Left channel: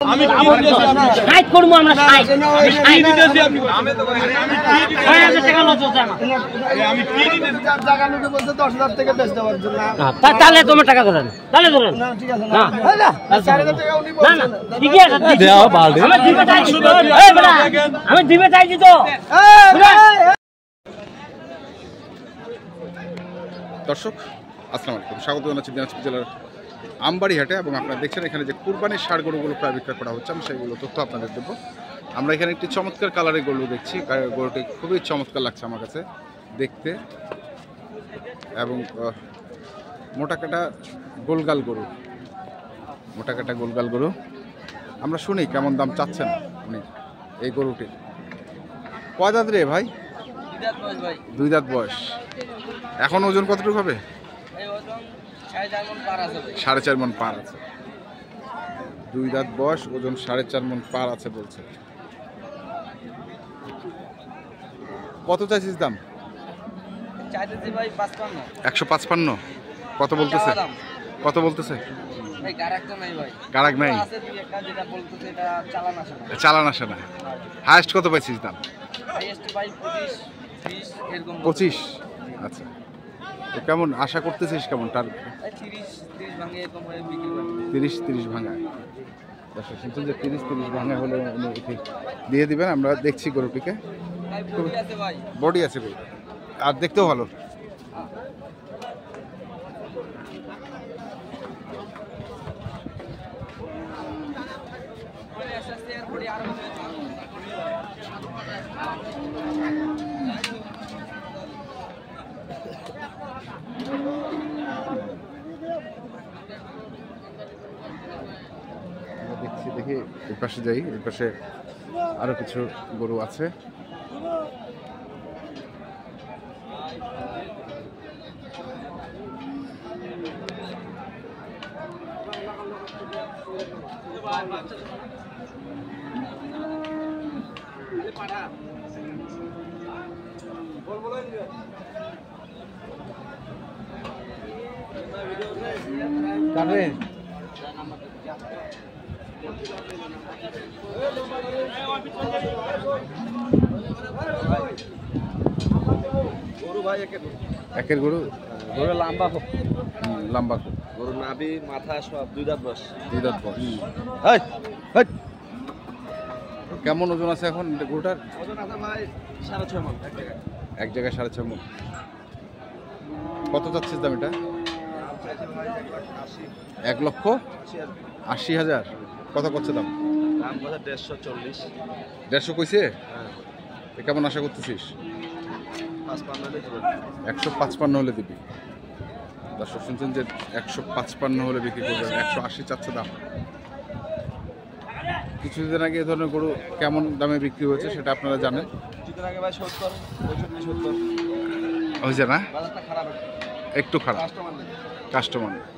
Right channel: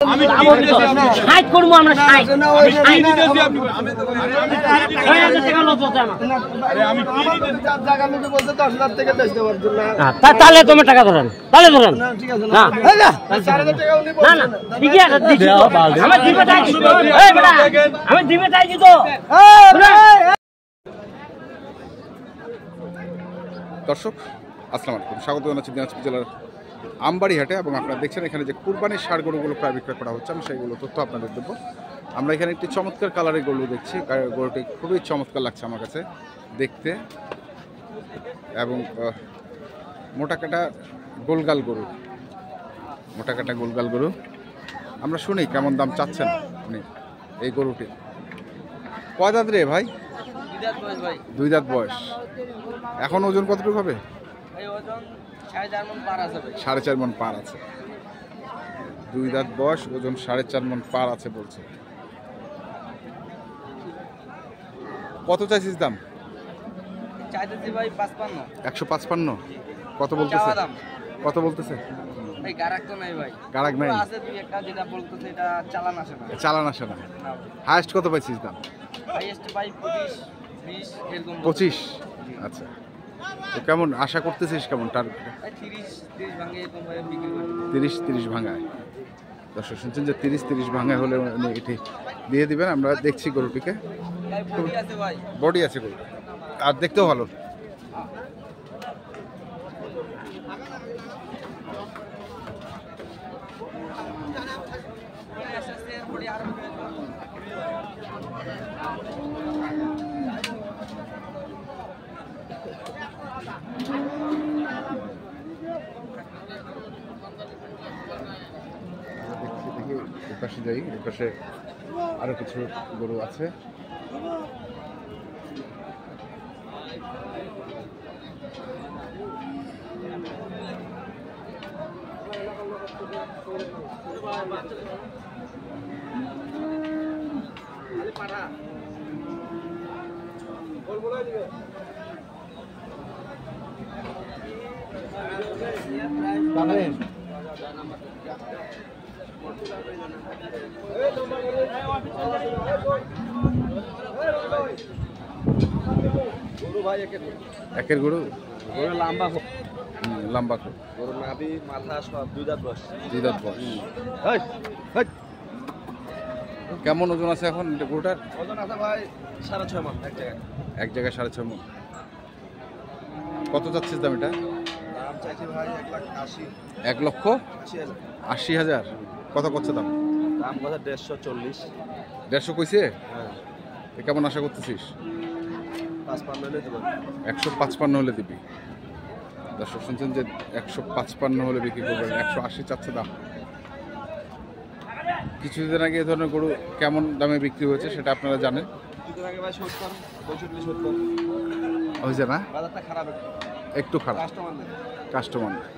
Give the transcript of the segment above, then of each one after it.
আমি সাইড করব আমরা সাইড আমি দিতেছি আপনি 6000 টাকা লস হচ্ছে আমার আরে আমি কি দিতেছি চার জায়গা নিতে বলতে 10000 টাকা বেচ দেওয়ার জন্য তাহলে তোমার টাকা ধরেন তাহলে ধরেন না ঠিক আছে না না 4000 টাকা উনি বলছেন না ঠিক আছে দিছি আমি দিবে চাইছি এই বড়া আমি দিবে চাইছি তো দর্শক আসসালামু আলাইকুম, স্বাগত জানাচ্ছি দিনাজপুর জেলার আমবাড়ি হাটে। এবং আপনারা দেখছেন এখানে যে কুরবানির ষাঁড় গরুগুলো প্রায় বিক্রয় করা হচ্ছে, আমি সেইগুলো তথ্য আপনাদের দেবো। আমরা এখানে একটি চমৎকার কালারের গরু দেখছি, গরুটি খুবই চমৎকার লাগছে আমার কাছে দেখতে, এবং মোটাকাটা গোলগাল গরু, মোটাকাটা গোলগাল গরু। আমরা শুনি কেমন দাম চাচ্ছেন উনি এই গরুটির। কয় দাঁত রে ভাই? 2 দাঁত বয়স। এখন ওজন কতটুকু হবে? 4.5 মণ পার আছে। 2 দাঁত বয়স, ওজন 4.5 মণ পার আছে বলছে। কত চাইছিস দাম? 155। কত বলতেছে? কত বলতেছে? গারাক নাই, চালান আসে না। হাইয়েস্ট কত পাইছিস দাম? 25। আচ্ছা, তো কেমন আশা করতেছিস, কেমন টার্গেট? 30 ভাঙায়। দর্শক শুনছেন যে 30 ভাঙায় হলে এটি দিয়ে দিবেন। আমরা দেখছি গরুটিকে, বডি আছে গরু, আর দেখতেও ভালো। দেখি এর পাশে যাই, এর পাশে আরো কিছু গরু আছে। একের গরু লম্বা খুব, লম্বা খুব। গরু নাভি মাথা সব 2 দাঁত বয়স। 2 দাঁত বয়স। কেমন ওজন আছে এখন গরুটার? ওজন আছে ভাই 6.5 মণ। এক জায়গায় 6.5 মণ। কত চাচ্ছিস দাম এটা? 1,80,000। কত করছে দাম? দাম কত? 140। 150 কইছে? কেমন আশা করতেছিস? 155 হলে দিবি। দর্শক শুনছেন যে 155 হলে বিক্রি করবেন। 180 চাচ্ছে দাম। কিছুদিন আগে এ ধরনের গরু কেমন দামে বিক্রি হয়েছে সেটা আপনারা জানেন। হয়েছে না? একটু খারাপ, কাস্টমার নাই।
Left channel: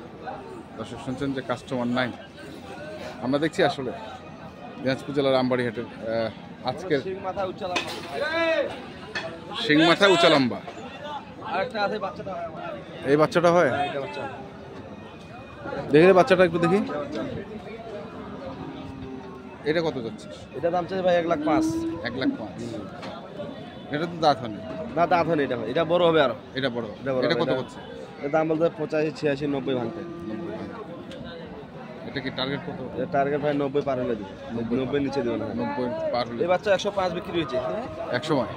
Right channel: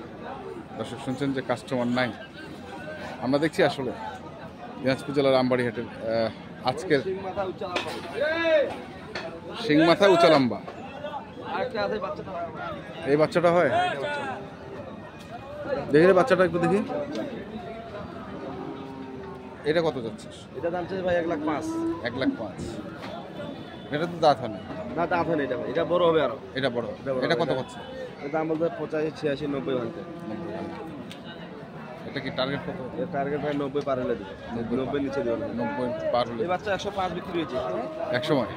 দর্শক শুনছেন যে কাস্টমার নাই। আমরা দেখছি আসলে দিনাজপুর জেলার আমবাড়ি হাটের আজকের শিং মাথা উঁচা লম্বা। এই বাচ্চাটা হয়, দেখি রে বাচ্চাটা একটু দেখি। এটা কত যাচ্ছিস? এটা দাম চাই ভাই 1,05,000। 1,05,000। এটা তো দাঁত হয় না, দাঁত হয় না। এটা বড় হবে আরো। এটা বড়। এটা কত করছে? এর দাম বলতে 85, 86, 90 ভাঙতে। 90। এটা কি টার্গেট কত? টার্গেট ভাই 90 পার হলে দেবে। 90 নিচে দেবে না। 90 পার হলে। এই বাচ্চা 105 বিক্রি হয়েছে এক সময়।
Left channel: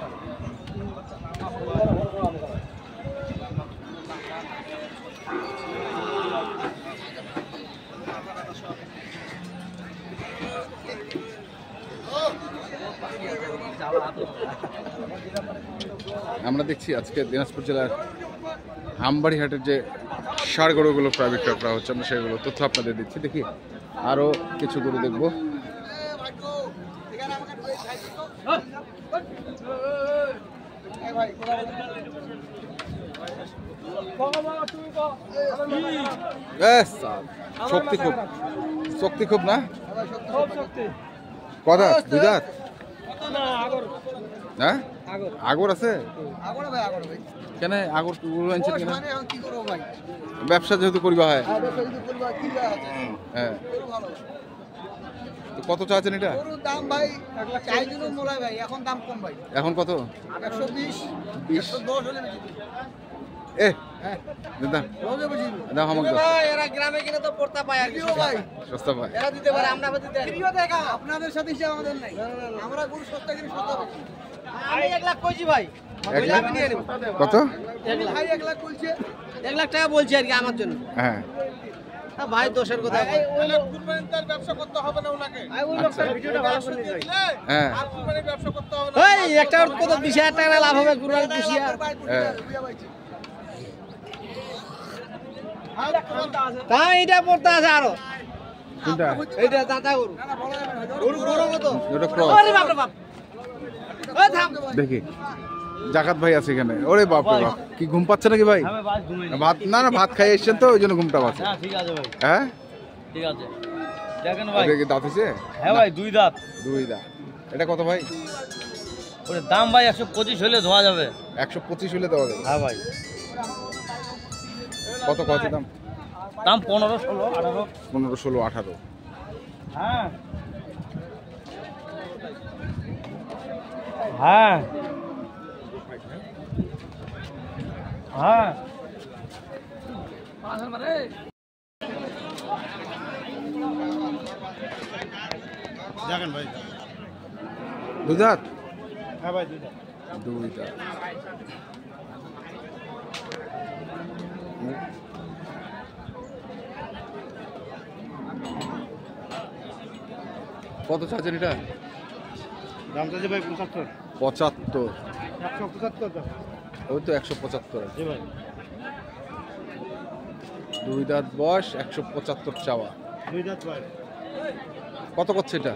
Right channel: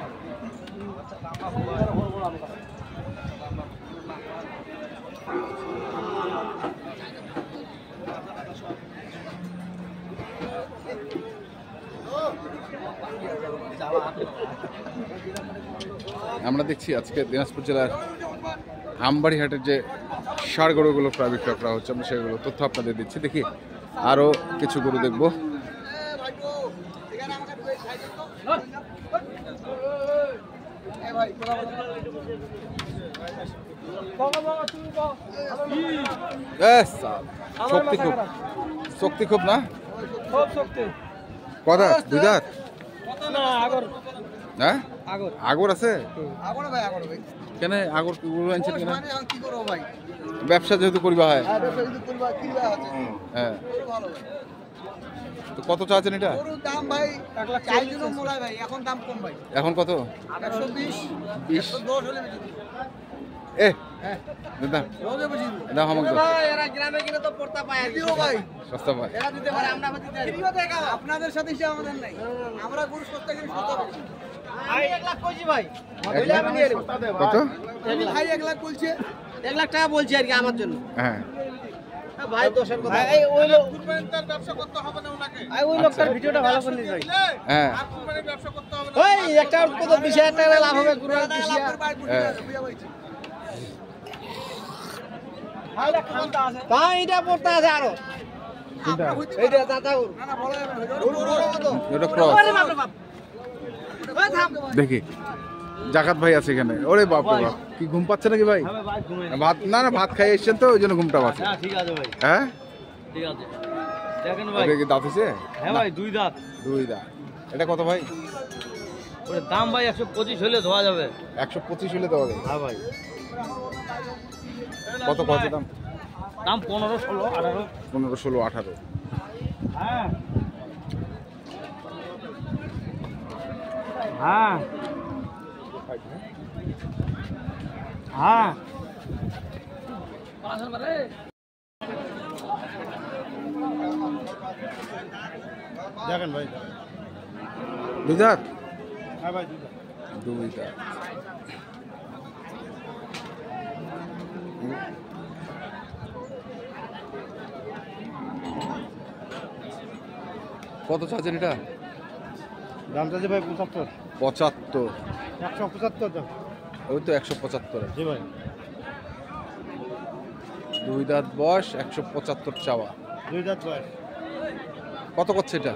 আমরা দেখছি আজকে দিনাজপুর জেলার আমবাড়ি হাটের যে ষাঁড় গরুগুলো প্রায় বিক্রয় করা হচ্ছে, আমরা সেগুলো তথ্য আপনাদের দিচ্ছি। দেখি আরো কিছু গরু দেখবো। শক্তি খুব, শক্তি খুব না? কদাত? 2 দাঁত। হ্যাঁ, আগর আছে? কেন আগর গরু আনছেন কেন? ব্যবসা যেহেতু করিবা হয়। হ্যাঁ, তো কত চাচ্ছেন এটা? গরুর দাম ভাই চাই জন্য মোলাই ভাই, এখন দাম কম ভাই, এখন কত? 120 20 110 হলে বেশি এ হ্যাঁ দাদা রোজে বুঝি দাও হামাক দাও, এরা গ্রামে কিনে তো পড়তা পায় আর দিও ভাই, সস্তা ভাই। এরা দিতে পারে, আমরা দিতে পারি। আপনাদের সাথে হিসাব আমাদের নাই, আমরা গরু সস্তা কিনে সস্তা বেচি। আমি 1 লাখ কইছি ভাই, এক লাখ? আমি নিয়ে নেব। কত? ভাই 1 লাখ বলছে, 1 লাখ টাকা বলছে আর কি আমার জন্য। হ্যাঁ ভাই দোষের কথা, এই ওই লোক কুরবানির তার ব্যবসা করতে হবে না ওনাকে, ওই লোকটার ভিডিওটা ভালো করে নিয়ে যাই। হ্যাঁ আর কুরবানির ব্যবসা করতে হবে না, এই একটা কত 20,000 টাকা লাভ হবে কুরবানির 20,000 তা এটা পড়তে আছে আরো, কোনটা? এইটা দাদা গরু, না না বড় গরু বড় কত, এটা ক্রস। ওরে বাপ রে বাপ, ওই থাম দেখি জাকাত ভাই আছে এখানে। ওরে বাপ রে বাপ, কি ঘুম পাচ্ছে নাকি ভাই? ভাত না না ভাত খাই এসেছেন তো ওই জন্য ঘুমটা পাচ্ছে। হ্যাঁ ঠিক আছে ভাই, হ্যাঁ ঠিক আছে। দেখেন ভাই, এটা কি দাঁত হয়েছে? হ্যাঁ ভাই 2 দাঁত। 2 দাঁত। এটা কত ভাই? ওর দাম ভাই 125 হলে ধোয়া যাবে। 125 হলে দেওয়া যাবে। হ্যাঁ ভাই, কত কত দাম? দাম 15, 16, 18। 15, 16, 18। হ্যাঁ হ্যাঁ হ্যাঁ দেখেন ভাই, 2 দাঁত? হ্যাঁ ভাই 2 দাঁত। 2 দাঁত। কত চাচ্ছেন এটা? দাম চাইছে ভাই 75, 75। 175 দাম। ওই তো 175 জি ভাই, 2 দাঁত বয়স, 175 চাওয়া। 2 দাঁত বয়স, কত করছে এটা?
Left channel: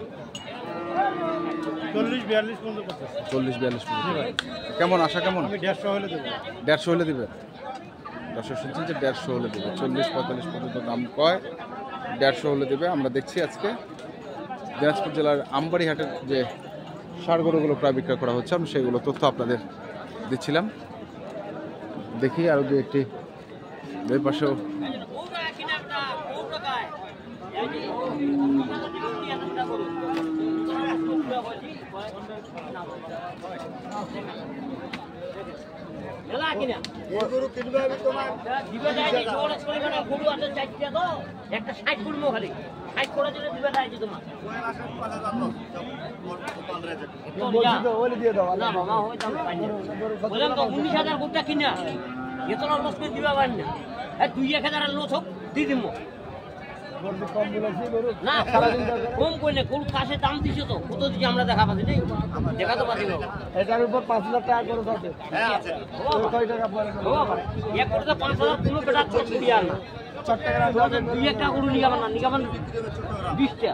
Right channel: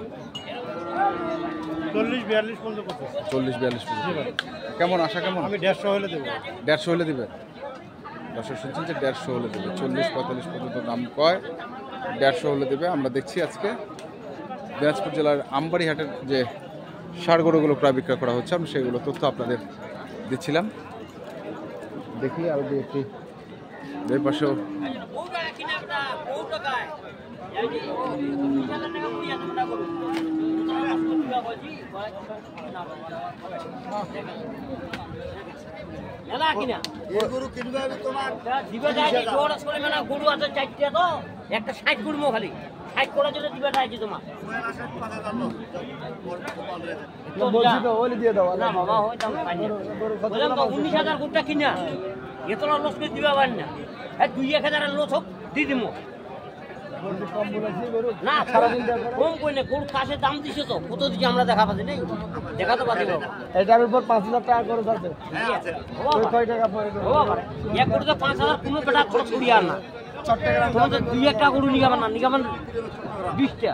40-42 পর্যন্ত করছে। 40-42 জি ভাই, কেমন আশা কেমন? আমি 150 হলে দেবো। 150 হলে দিবে? দর্শক শুনছেন যে 150 হলে দেবে। 40-45 পর্যন্ত দাম কয়, 150 হলে দেবে। আমরা দেখছি আজকে দিনাজপুর জেলার আমবাড়ি হাটের যে ষাঁড় গরুগুলো প্রায় বিক্রয় করা হচ্ছে, আমি সেগুলো তথ্য আপনাদের দিচ্ছিলাম। দেখি আরও দু একটি দুই পাশেও এই গরু কিনবে আমি তোমার দিবে যায় যে ছোট ছোট মানে গরু আছে 4টা তো একটা 60 করবো খালি 60 করে দিলে দিবে যায় যে তোমার ওলি দিয়ে দাও। না বাবা হয় দাম বললাম তো 19,000 গরুটা কিনা এত লস করে দিবা পার না এই 2-1,000 লস হোক দি দিমু গরু কম বলেছি গরু না কম কইলে গরু কাছে দাম দিছে তো কত দিকে আমরা দেখা পাচ্ছি না দেখাতে পারি বাবা এটার উপর 5,000 টাকা করে যাচ্ছে। ওই কয় টাকা পরে বাবা এক করতে 5,000 কোনো বেটা খরচ দিয়া না 4 টাকা 2-1টা গরু নিগাবেন না নিগাবেন 20টা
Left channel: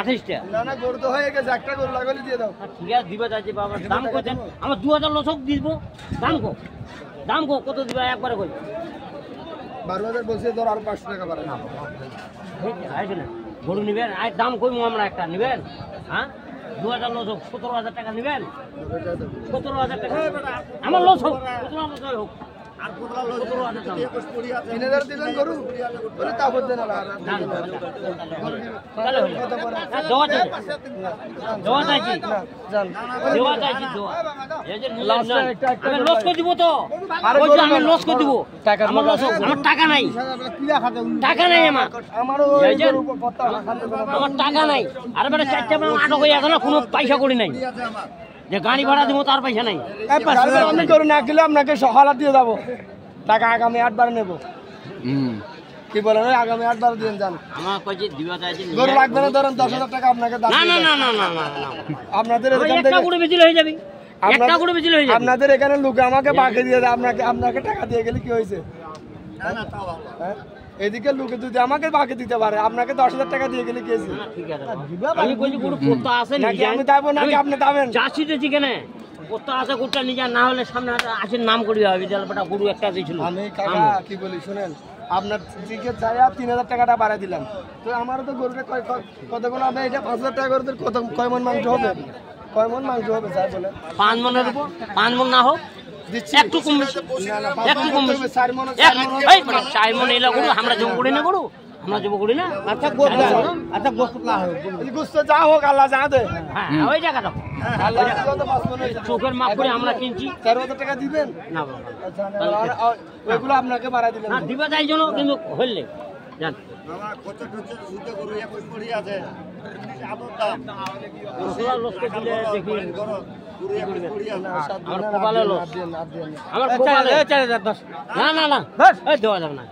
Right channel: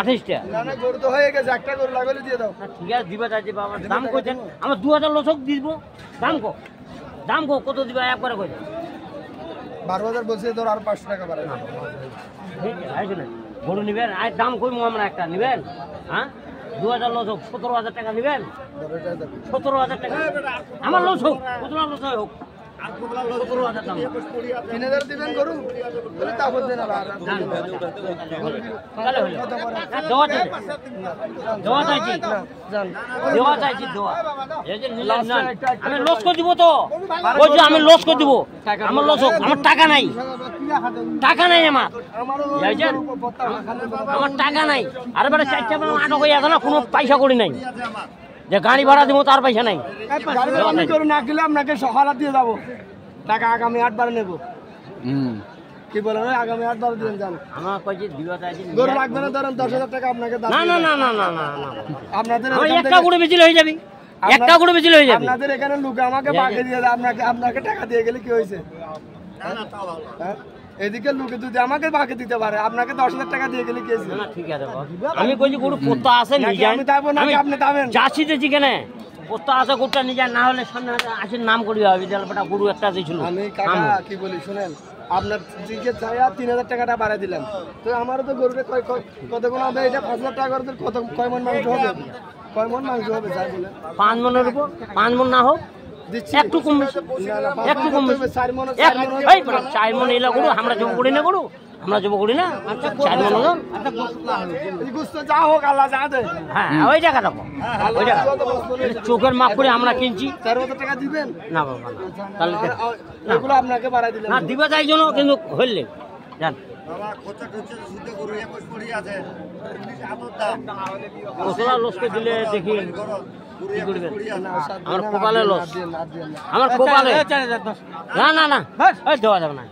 28টা না না গরু তো হয়ে গেছে, একটা গরু লাগলে দিয়ে দাও। ঠিক আছে দিবা যাচ্ছে বাবা দাম কত আমরা 2000 লসক দিব দাম কত দিবা একবারে কই 12,000 বলছি, ধর আর 500 টাকা বাড়াই না। গরু নিবেন আর দাম কইমু আমরা একটা নিবেন হ্যাঁ 2000 লসক 17,000 টাকা নিবেন 17,000 টাকা আমার লস হোক 17,000 হোক আর 17,000 দাম 3,000 দিবেন গরু বলে তারপর দেন। আর তাহলে হলো কত পরে দেওয়া চাইছি জান দেওয়া চাইছি দেওয়া এই যে নিলাম না আমি লস করে দিব তো ওই যে আমি লস করে দিব আমার লস হোক আমার টাকা নাই আমার এই যে আমার টাকা নাই আর এবারে 4টা মানে আটক হয়ে আছে না কোনো পয়সা করি নাই যে গাড়ি ভাড়া দিব তার পয়সা নাই আমি গরু না গেলে আপনাকে সহায়তা দিয়ে যাবো, টাকা আগামী 8 বার নেবো। কি বলেন আগামী 8 বার দিয়ে যান। আমার কইছে দিবা চাইছি গরু লাগবে না, ধরেন 10,000 টাকা আপনাকে দাম না দিয়ে না দেব। না না না আপনাদের আমার এখান একটা থেকে করে বেশি হয়ে যাবে একটা করে বেশি হয়ে যাবে আপনাদের এখানে লোক আমাকে বাকি দিয়ে দেয়, আপনাকে টাকা দিয়ে গেলে কি হয়েছে? হ্যাঁ? এদিকে লোকে যদি আমাকে বাকি দিতে পারে, আপনাকে 10,000 টাকা দিয়ে গেলে কি হয়েছে? না, ঠিক আছে বাবা। আমি কইছি গরু পোতা আছে নাকি নিয়ে আমি যাবো নাকি আপনি যাবেন? যাচ্ছি যেখানে পোতা আছে গরুটা নিয়ে না হলে সামনে আছে নাম করি হবে বিদ্যালয়টা গরু একটা দিয়েছিল আমি কাকা কি বলি শুনেন, আপনার দিকে চাইয়া 3,000 টাকাটা বাড়াই দিলাম, তো আমারও তো গরুটা কতগুলো হবে? এটা 5,000 টাকা করে কত কয় মন মাংস হবে? কয় মন মাংস হবে যাই বলে 5 মনের উপর 5 মন না হোক দিচ্ছি একটু কম বেশি না না 5 একটু মন কম হবে, 4 মন 4 মন এই 4 মন এলা গরু আমরা জম করে না গরু আমরা যাবো করি না এই গুস্ত যা হোক আল্লাহ যা দে হ্যাঁ ওই জায়গা দেখো ওই জায়গা চোখের মাপ করে আমরা কিনছি 4,000 টাকা দিবেন না বাবা আচ্ছা ওইগুলো আপনাকে বাড়াই দিলাম না দিবা যাই জন্য কিন্তু হইলে জান লসকে দিলে দেখি আমার কপালে লস আমার কপালে না না না ওই দেওয়া যাবে না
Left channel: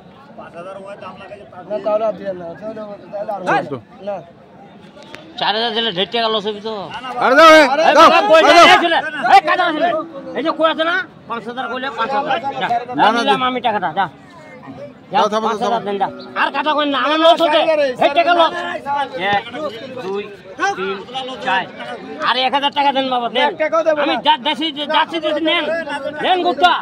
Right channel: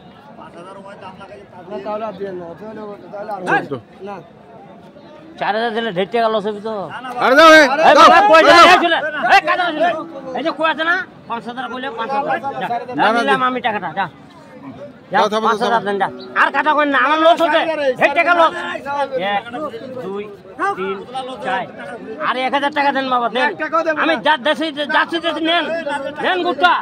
তাহলে আর দিয়ে না তাহলে 4,000 দিলে 1.5 টাকা লস হবে তো আরে দাও এই যে কই আছে না 5,000 কইলে 5,000 না, না, দিলাম আমি টাকাটা যা দাও, থামো, 5,000 দেন যা আর কাটা কই না আমার লস হচ্ছে 1 টাকা লস 1 2 3 4 আরে 1,000 টাকা দেন বাবা দেন আমি যাচ্ছি নেন গুপ্তা